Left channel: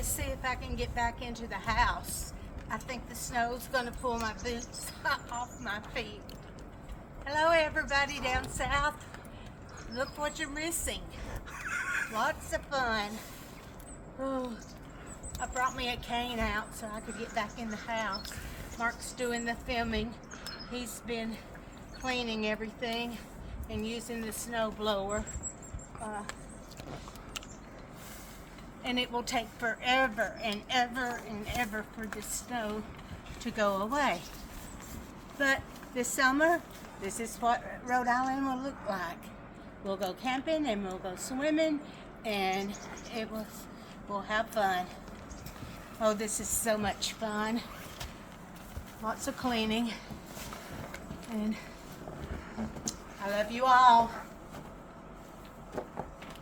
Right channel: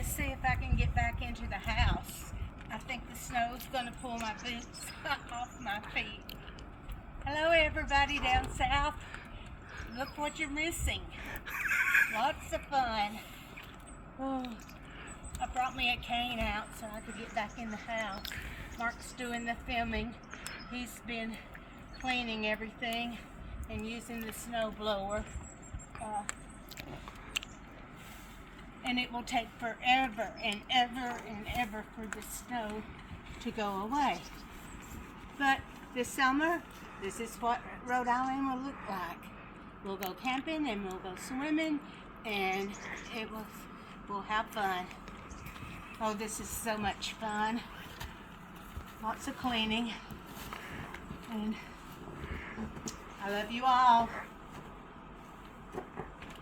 Let's see if I can get back into the house. I think the snow's gonna pull my boots off my feet. Hello everybody down south. Look what you're missing. Lots of fun. Oh, I brought me a cane out so I could get back in the house. Mark's doing the filming. He's been cleaning everything and using the snow blower. And it will take forever and ever and ever for the snow to go away. But this summer, this is what Rhode Island will look like. We'll go camping and we'll go swimming and we'll have fun. Oh, this is so much fun. Lots of cleaning. And I love you all.